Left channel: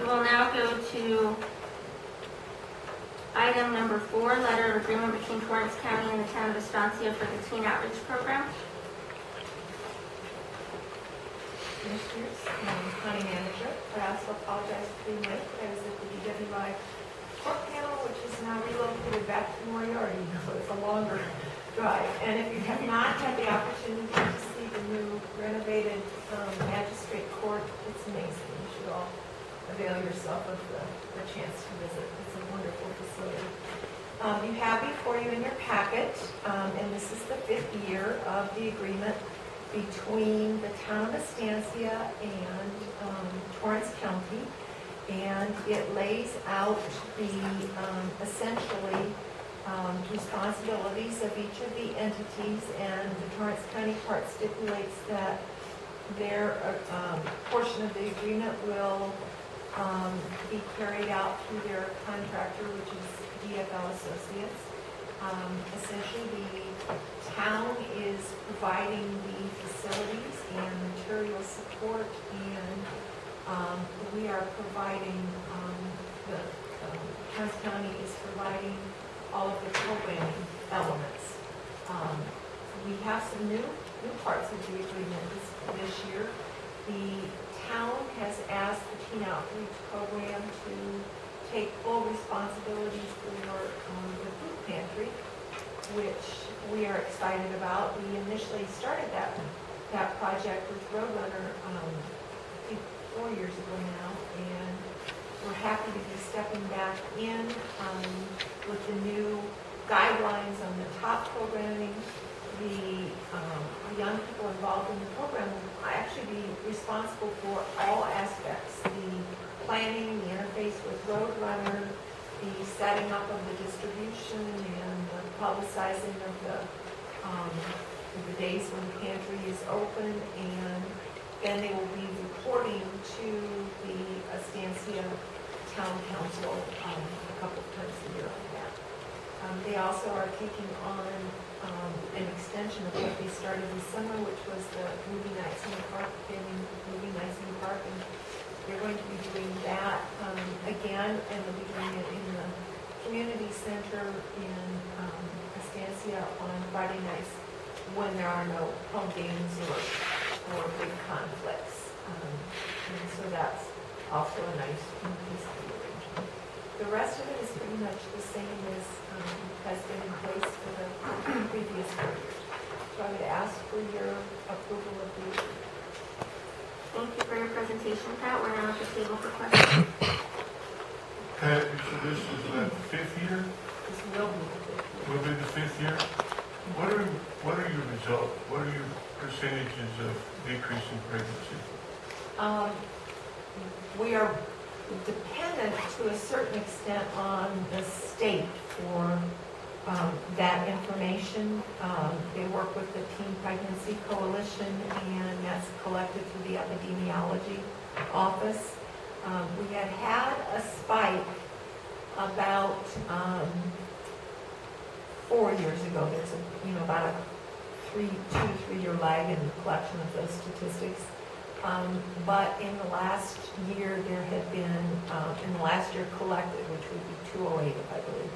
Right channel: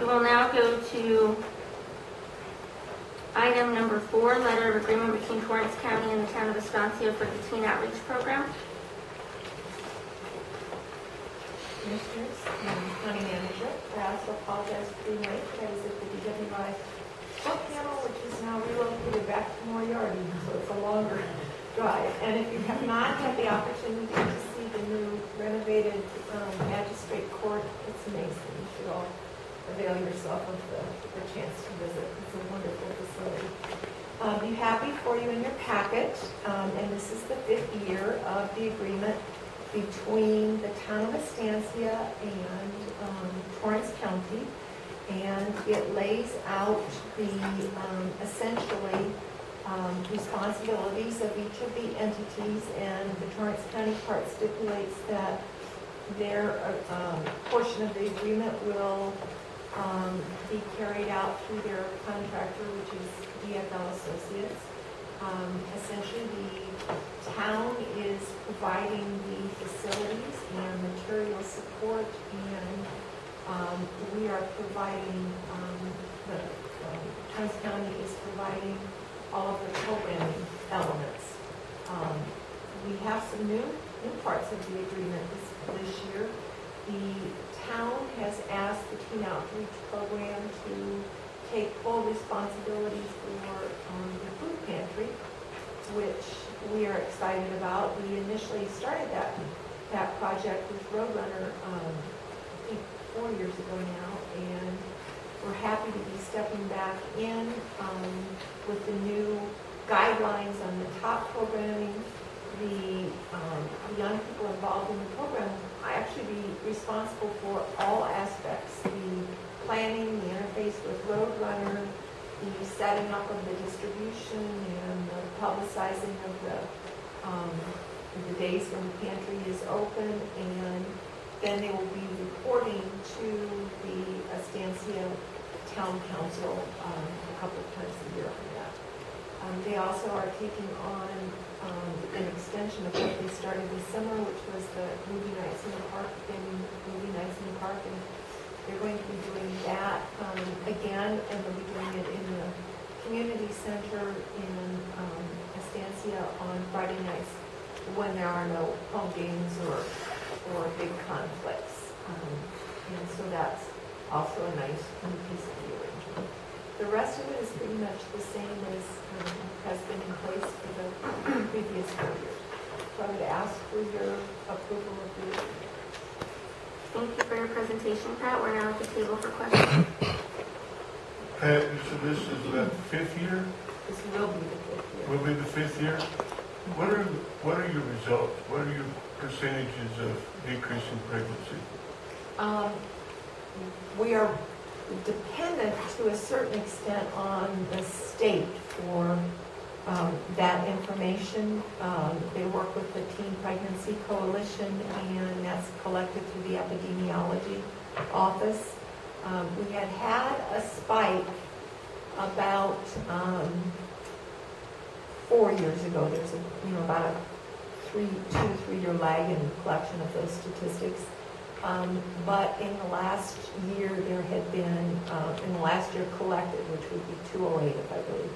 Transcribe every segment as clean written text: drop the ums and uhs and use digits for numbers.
We will now go to item number 4, letter of agreement between Torrance County and the town of Estancia for the Teen Outreach Program. Commissioners, County Manager, I also apologize for being late, but I was at the DWI book panel, which is now relocated back to Moriarty, so it's a longer drive. And if you have not had the opportunity to see the new renovated magistrate court, it's amazing. You should all avail yourself of the chance to visit. It's a wonderful facility. You have before you in your packet, and this is the 5th year of the agreement between the town of Estancia and Torrance County, and it lays out the essentially responsibilities of each of the entities, and the Torrance County part stipulates that their portion of the agreement will be carried out through their contractor, which is DFL Associates. Essentially, the town is providing the facilities and material support, and we are providing, Torrance County is providing all of the programming elements. We have some new parts of the agreement this year. The town has asked the Teen Outreach Program to take full responsibility for the food pantry, which we are excited about. We initially started that project with Roadrunner, I think 4 years ago now, and we're happy to be stepping back in with the new guidelines on the top programming. The young people involved in the program will actually be responsible for all aspects: the planning, the interface with Roadrunner, the setting up of the distribution, and the publicizing of the days when the pantry is open, and then they will be reporting to the Estancia Town Council a couple of times a year on that. They also are taking on an extension of what they started this summer, which was the movie nights in the park, family movie nights in the park, and they're going to be doing that again, and they'll be doing it in the community center in Estancia on Friday nights when there are no home games or big conflicts. And so that's also a nice new piece of the arrangement. The rest of it is pretty much the same as has been in place for the previous 4 years. So I would ask for your approval of the agreement. Thank you for your presentation, Pat. We're now at the table for questions. Pat, so this is the 5th year? This will be the 5th year. Will be the 5th year? What are your results? What are your percentages of decreasing pregnancy? We are dependent to a certain extent on the state for that information. They work with the Teen Pregnancy Coalition, and that's collected through the epidemiology office. We had a spike about 4 years ago. There's about a 2 to 3 year lag in the collection of those statistics. But in the last year, there had been, in the last year collected, which would be 208, if I believe,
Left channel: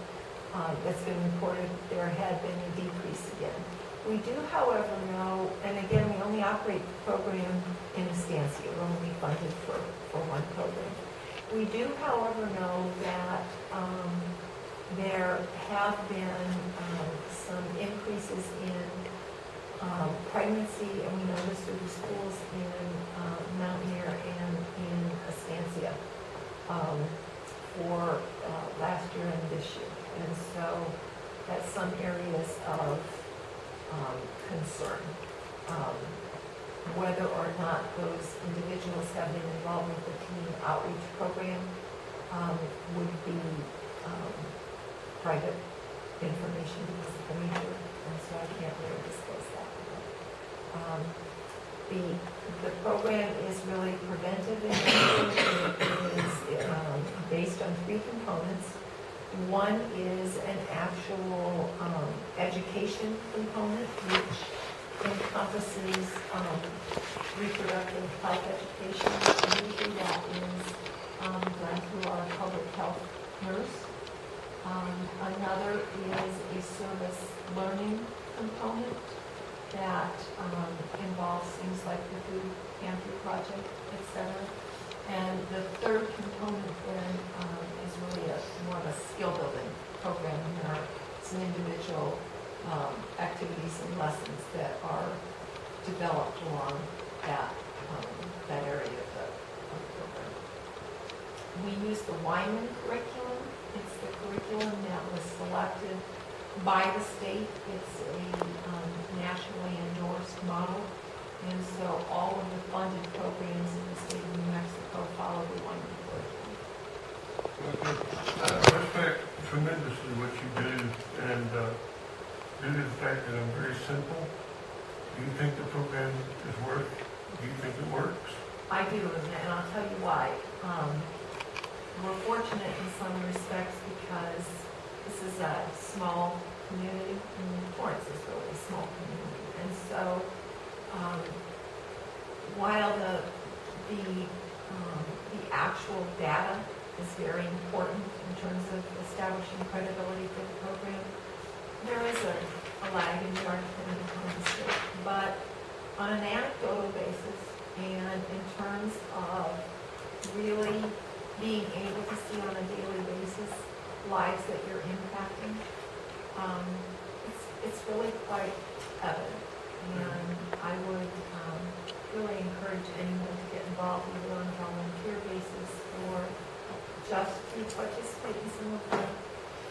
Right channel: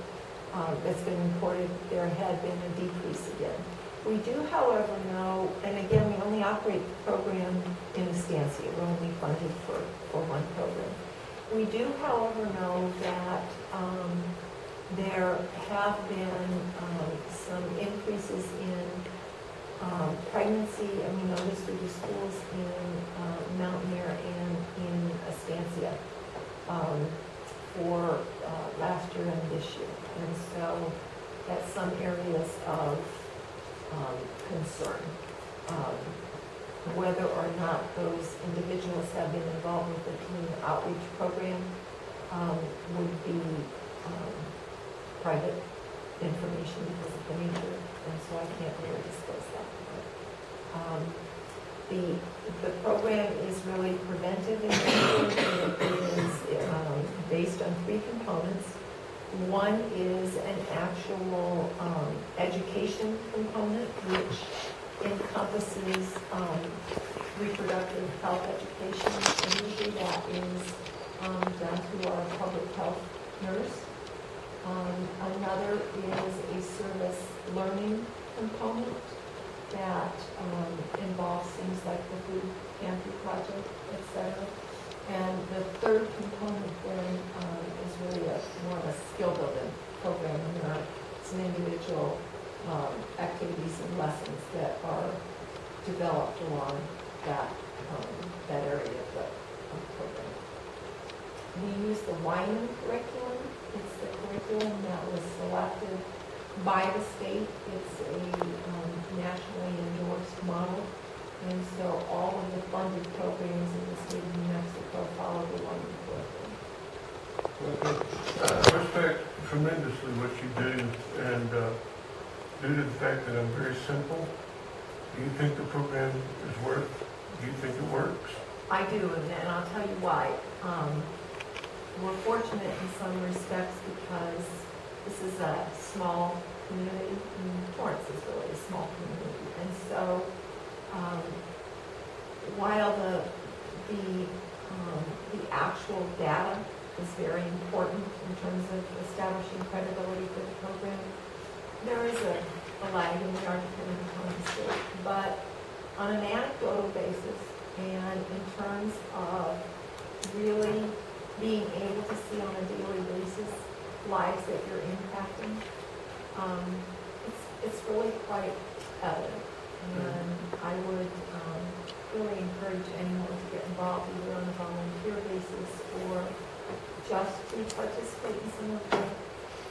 that's been reported, there had been a decrease again. We do, however, know, and again, we only operate the program in Estancia. We're only funded for one program. We do, however, know that there have been some increases in pregnancy, and we know this through the schools in Mountaineer and in Estancia for last year and this year. And so that's some areas of concern. Whether or not those individuals have been involved with the Teen Outreach Program would be private information because of the nature, and so I can't really disclose that. But the program is really preventive in nature. It is based on 3 components. One is an actual education component, which encompasses reproductive health education, and usually that is done through our public health nurse. Another is a service learning component that involves things like the food pantry project, et cetera. And the third component then is really more of a skill building program, and there are some individual activities and lessons that are developed along that area of the program. We use the Wyman curriculum. It's the curriculum that was selected by the state. It's a nationally endorsed model. And so all of the funded programs in the state of New Mexico follow the Wyman curriculum. Okay. I respect tremendously what you do, and due to the fact that I'm very simple, do you think the program is do you think it works? I do, and I'll tell you why. We're fortunate in some respects because this is a small community, and Torrance is really a small community. And so while the actual data is very important in terms of establishing credibility for the program, there is a lag, and we are dependent upon the state. But on an anecdotal basis, and in terms of really being able to see on a daily basis lives that you're impacting, it's really quite evident. And I would really encourage anyone to get involved either on a volunteer basis or just to participate in some of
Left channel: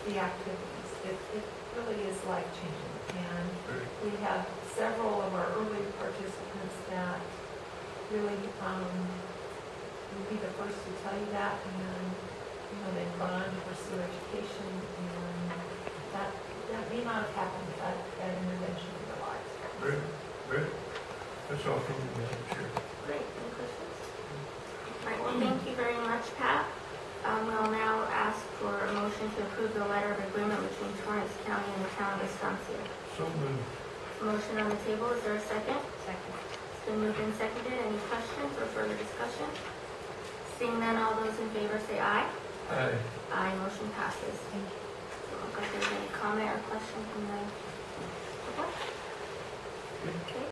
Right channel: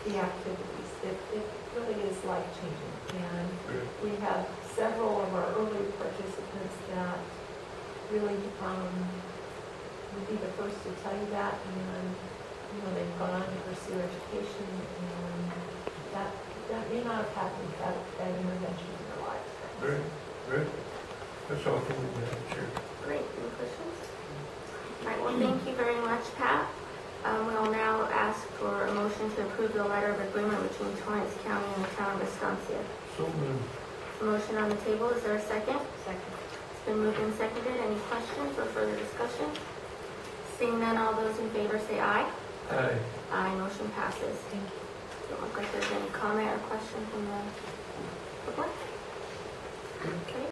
the activities. It really is life-changing. And we have several of our early participants that really will be the first to tell you that, and they've gone on to pursue education, and that may not have happened without that intervention in their lives. Great, great. That's all from me, Madam Chair. Great. Any questions? All right. Well, thank you very much, Pat. We'll now ask for a motion to approve the letter of agreement between Torrance County and the town of Estancia. So moved. The motion on the table. Is there a second? Second. It's been moved and seconded. Any questions or further discussion? Seeing none, all those in favor say aye. Aye. Aye. Motion passes. Thank you. Doesn't look like there's any comment or question from the public. Okay.